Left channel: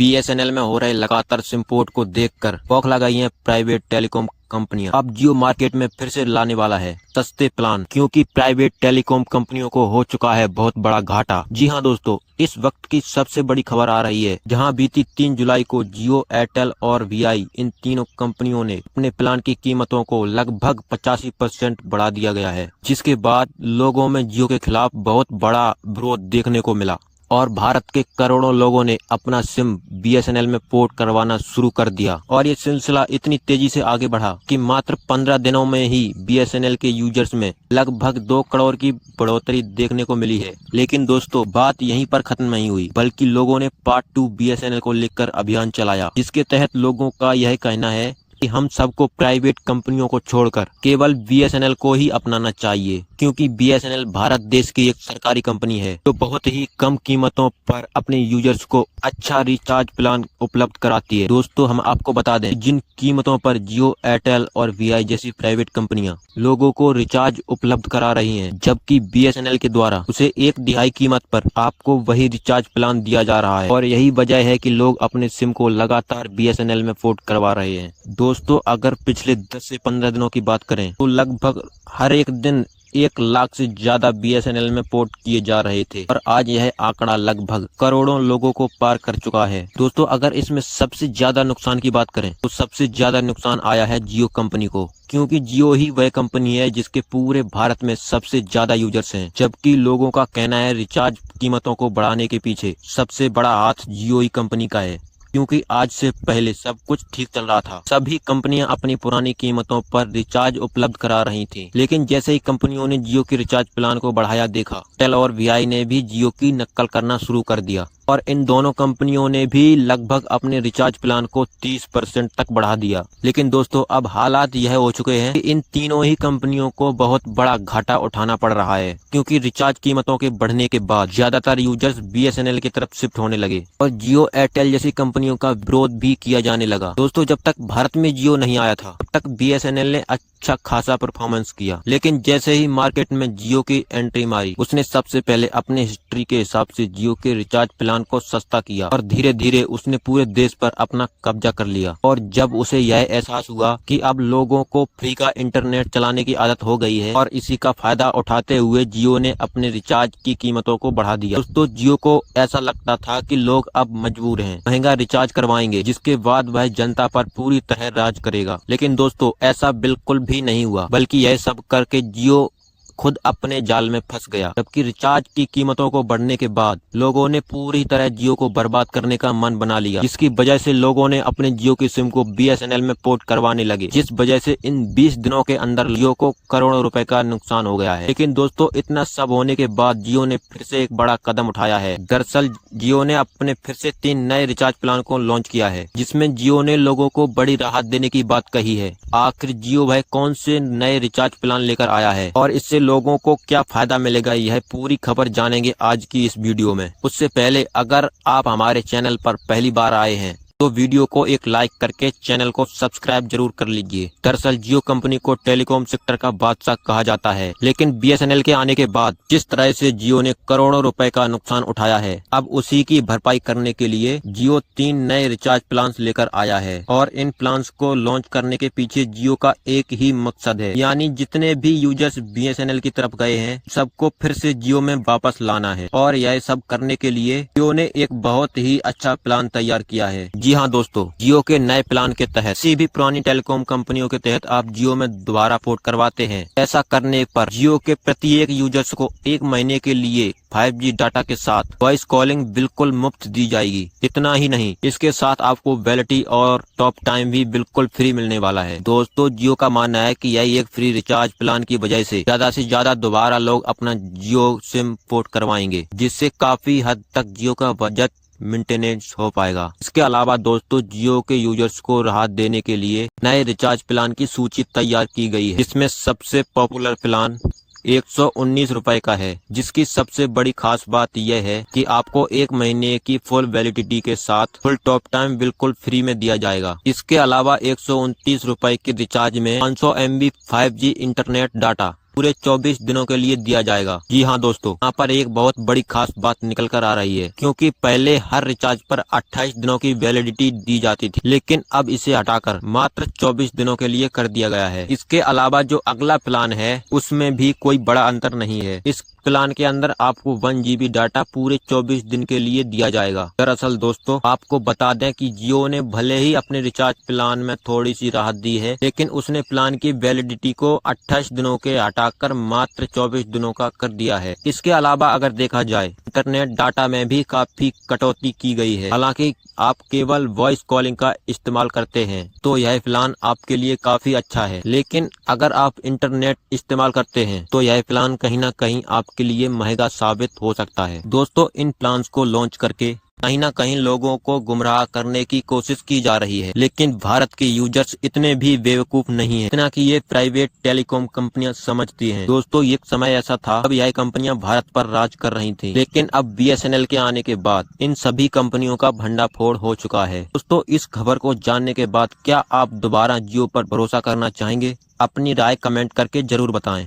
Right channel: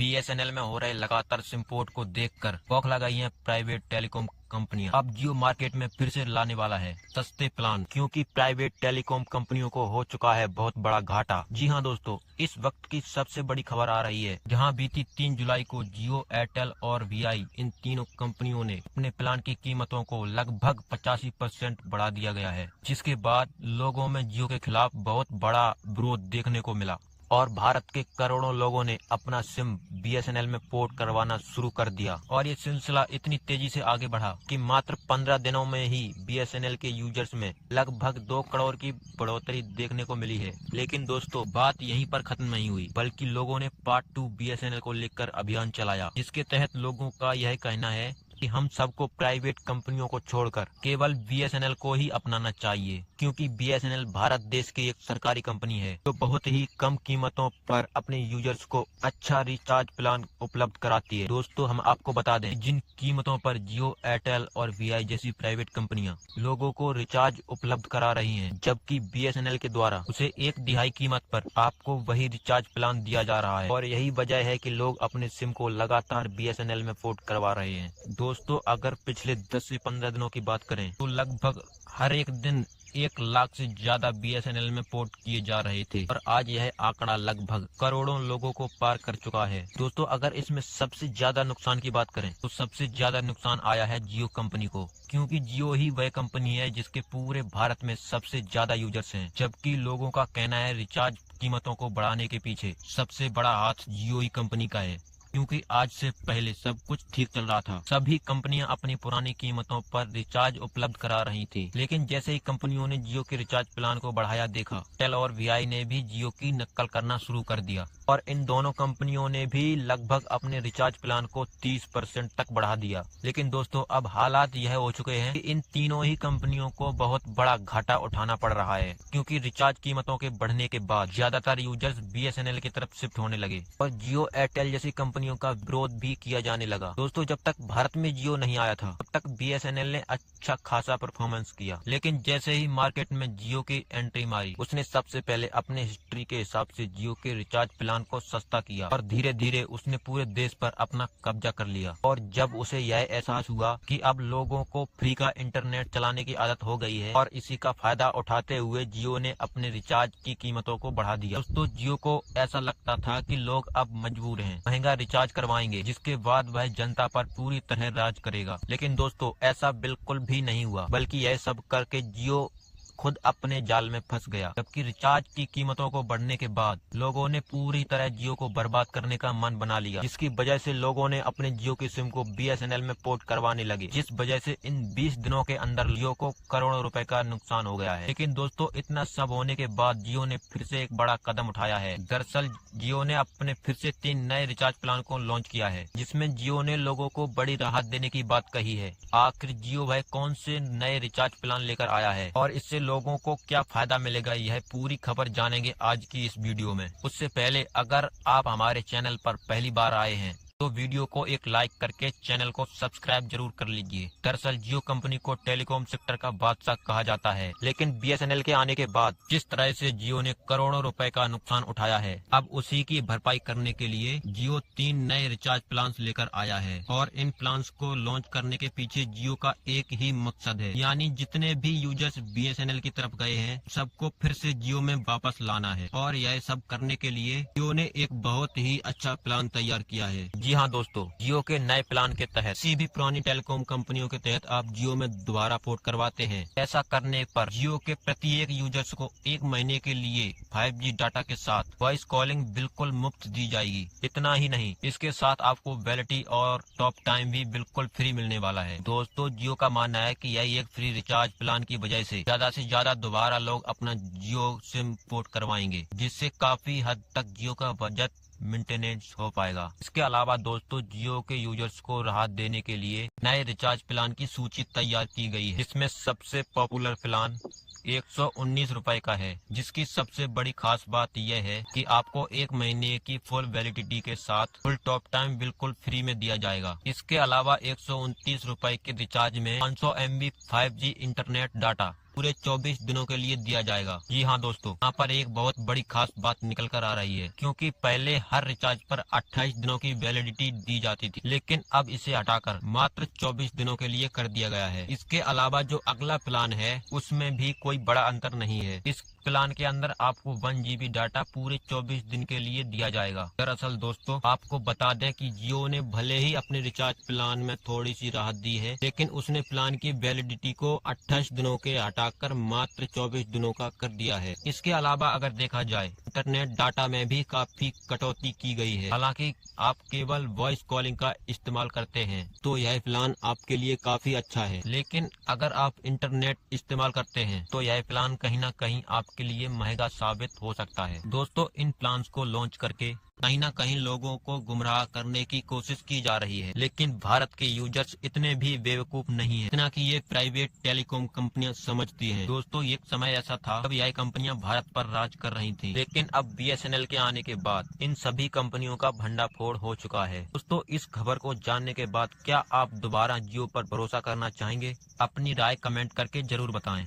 BSNL में हो रहे लगातार सिम पोर्ट को देखकर बौखला गई हैं प्राइवेट टेलीकॉम कंपनियां। अब जियो मार्केट में फिर से लाने वाला है सस्ते प्लान, क्योंकि प्राइवेट टेलीकॉम कंपनियों को हो चुका है बहुत बड़ा घाटा। जी हां दोस्तों, इस वक्त की सबसे बड़ी खबर आ रही है, जहां बीती 3 जुलाई को जियो, एयरटेल और वीआई इन तीनों कंपनियों ने अपने प्लान की कीमतों को लगभग 85% बढ़ा दिया गया है, जिसके बाद लोगों में जियो के खिलाफ बहुत बड़ा विरोध देखने को मिला और भारत के करोड़ों लोगों ने अपना सिम बीएसएनएल में पोर्ट करवाना शुरू कर दिया। और ये सिलसिला इतनी तेजी से आगे बढ़ा कि मात्र 15 दिनों में ही बीएसएनएल के यूजर्स में लगभग 2 करोड़ की बढ़ोतरी देखने को मिली है। लेकिन दोस्तों, बात यहीं पर खत्म नहीं हुई, बल्कि लोगों ने पार्ट 2 बीएसएनएल को लेकर अभियान चलाया, जिसके तहत लोगों का यह कहना है कि हम सबको प्राइवेट कंपनियों को छोड़कर केवल बीएसएनएल को ही अपनाना चाहिए, क्योंकि बीएसएनएल भारत देश की एक सरकारी कंपनी है जो बहुत ही कम कीमतों पर अपने यूजर्स को अच्छा रिचार्ज प्लान उपलब्ध कराती है। दोस्तों, हम आपको बता दें, जिन कीमतों पर जियो, एयरटेल और वीआई जैसी प्राइवेट कंपनियां लोगों को रिचार्ज उपलब्ध करा रही हैं, जबकि बीएसएनएल के द्वारा उसे 1/2 कीमत पर आपको वही रिचार्ज प्लान दिया जा रहा है। और यही वजह है कि लोग अपने सिम को लगातार बीएसएनएल में पोर्ट करवा रहे हैं। दोस्तों, अगर पिछले 10 से 15 दिनों की बात करें तो लगभग हर एक दिन 1 लाख से ज्यादा बीएसएनएल में पोर्ट किए जा रहे थे और आज यह आंकड़ा लगभग करोड़ों लोगों को पार कर चुका है। दोस्तों, अगर इसमें सबसे ज्यादा नुकसान की बात करें तो सबसे ज्यादा नुकसान आया है जियो कंपनी को, क्योंकि जियो ही वह कंपनी है जिसके पूरे भारत में सबसे ज्यादा यूजर्स हैं। जबकि लोगों का कहना है रिचार्ज कीमतों को बढ़ाने के पीछे सबसे बड़ा हाथ जियो ही कंपनी का है, क्योंकि आज से पहले सब कुछ ठीक चल रहा था। सभी कंपनियां अपनी पुरानी कीमतों पर रिचार्ज उपलब्ध करा रही थीं। लेकिन जैसे ही कंपनियों ने जियो के रिचार्ज प्लान को बढ़ाया देखा, एयरटेल और वीआई ने भी जियो की नकल करना शुरू कर दिया और इन दोनों कंपनियों ने भी लगभग अपने रिचार्ज प्लान को 30% तक बढ़ा दिया। लेकिन दोस्तों, अब हालात यह हो चुके हैं कि इन तीनों ही कंपनियों को बहुत बड़ा घाटा उठाना पड़ रहा है, क्योंकि रिचार्ज कीमतों के बढ़ने के बाद ज्यादातर यूजर्स बीएसएनएल की तरफ शिफ्ट होने लगे और जियो, एयरटेल जैसी कंपनियों का विरोध भी किया जाने लगा। दोस्तों, जब तक भारत में जियो नहीं आया था तब तक बीएसएनएल ने अच्छा खासा परफॉर्मेंस किया, लेकिन जैसे ही मार्केट में जियो की एंट्री मारी, उसने सबसे पहले अपने हिस्ट्री के हिसाब से जियो के रिचार्ज प्लान को सस्ता किया और धीरे धीरे उसने पूरे देश पर अपना कब्जा कर लिया। और जब उसे यह एहसास हुआ कि अब लोगों को फ्री का इंटरनेट चलाने की आदत हो गई है और इसी का फायदा उठाते हुए जियो ने अपने रिचार्ज की कीमतों को बढ़ा दिया। दोस्तों, जियो को ऐसा लगता था कि लोग अब मजबूर हैं, महंगा रिचार्ज करवाएंगे, जिसके बाद वह जनता पर पूरी तरह राज करेगा। लेकिन दोस्तों, ऐसा बिल्कुल भी नहीं हुआ, बल्कि यह सब करके जियो खुद अपने जाल में फंस गया। जबकि रिचार्ज की कीमतों को बढ़ने के बाद लोगों ने पूरी तरह जियो को बर्बाद करने का मन बना लिया, जिसकी वजह से लोगों ने अपने जियो की सिम को बीएसएनएल में पोर्ट करवाने लगे, जिस वजह से इन 20 दिनों के अंदर जियो को करोड़ों रुपए का नुकसान हो गया है। लेकिन दोस्तों, इतना सब होने के बाद जियो ने फिर से एक बड़ा कदम उठाया है। दरअसल जियो ने अपने फिर से 3 नए रिचार्ज प्लान को लॉन्च किया है, जिसमें जियो ने लोगों को बड़ी राहत देने की बात कही है। आखिर जियो वह कौन से नए रिचार्ज प्लान लेकर आया है और इससे लोगों को क्या फायदा मिलेगा, यह पूरी खबर जानेंगे आज की इस वीडियो में। उससे पहले अगर आप हमारे चैनल पर पहली बार आए हैं तो वीडियो को एक लाइक करके चैनल को सब्सक्राइब जरूर कर लीजिए। दरअसल जियो कंपनी को टेलीकॉम सेक्टर का बादशाह कहा जाता है, लेकिन बीएसएनएल के आने के बाद जिस तरह से जियो ने करोड़ों रुपए का नुकसान उठाया है, अब उसी की भरपाई करने के लिए जियो 3 नए रिचार्ज प्लान्स लेकर आया है। और इन प्लान्स को लॉन्च करने के पीछे जियो का एक ही मकसद है, यानी जितने भी यूजर्स बीएसएनएल की तरफ गए हैं सबको फिर से जियो में वापस लाना है। और यह सब करने के लिए जियो ने एक बहुत ही अच्छा प्लान तैयार किया है। जी हाँ दोस्तों, जियो के नए प्लान के तहत किसी भी पुरानी टेलीकॉम कंपनियों के तहत आप जियो में दोबारा पोर्ट करवाते हैं। ऐसा करने पर जियो के प्रत्येक यूजर्स को 1 महीने के लिए 5G डाटा के साथ वॉइस कॉलिंग बिल्कुल मुफ्त दी जाएगी। इतना ही नहीं, इसके साथ आपको वैलिडिटी और टॉक टाइम भी बिल्कुल फ्री मिलने वाला है। दोस्तों, जियो का मानना है कि यही एक फ्री रिचार्ज प्लान की वजह से ज्यादा दोबारा लोग अपना जियो सिम पोर्ट करवाएंगे, जिससे काफी हद तक जियो का बजट मेंटेनेंस हो पाएगा। इसके अलावा दोस्तों, जियो के यूजर्स को राहत देने के लिए नए रिचार्ज प्लान की सूची तैयार की गई है, जिसमें सबसे पॉपुलर प्लान 119 रुपए का है, जिसकी सबसे बड़ी खास बात यह है कि आपको 1 महीने की फुल वैलिडिटी के साथ फुल टॉक टाइम बिल्कुल फ्री में दिया जाएगा। इसके अलावा 129 रुपए के रिचार्ज में 500 MB 5G इंटरनेट डाटा पूरे 24 दिनों के लिए दिया जाएगा। जी हाँ दोस्तों, यहाँ पर एक बहुत बड़ी खास बात निकल कर आ रही है, क्योंकि पहले हर रिचार्ज पर 28 दिनों की वैलिडिटी दी जाती थी, लेकिन अब इसे हटाकर मात्र 24 दिनों के लिए कर दिया गया है। इसके अलावा जो अगला प्लान है उसमें भी कोई बड़ा अंतर नहीं है। इस प्लान के अंदर आपको 1 GB डाटा पूरे 24 दिन के लिए दिया जाएगा। दरअसल दोस्तों, आपको बता दें कि जियो ने भले ही अपने रिचार्ज प्लान में थोड़ी सी राहत दी है, लेकिन उसने प्लान की वैलिडिटी को 28 दिनों के हटाकर मात्र 24 दिनों का कर दिया है। इसके अलावा अगर देखा जाए, इंटरनेट डाटा में भी काफी कटौती की गई है। हालांकि आप केवल वॉइस कॉलिंग का इस्तेमाल करते हैं तो यह प्लान आपके लिए काफी अच्छा है, लेकिन अगर आप इंटरनेट इस्तेमाल करते हैं तो यह प्लान कहीं ना कहीं आपके लिए महंगा साबित हो सकता है। दोस्तों, इन प्लान्स को लॉन्च करके कहीं ना कहीं लोगों को गुमराह करने की कोशिश की जा रही है, लेकिन भारत के यूजर्स इतने भी बेवकूफ नहीं है इतना कि ये प्राइवेट टेलीकॉम कंपनियां समझती हैं। दोस्तों, एक समय ऐसा था अब यह कंपनियां भारत पर राज कर रही थी, लेकिन अब BSNL के आने के बाद इन सभी कंपनियों का भंडाफोड़ हो चुका है। दोस्तों, इस खबर को जानने के बाद क्या आप दोबारा जियो पर भरोसा करना चाहेंगे? अपनी राय कमेंट करके जरूर बताएं।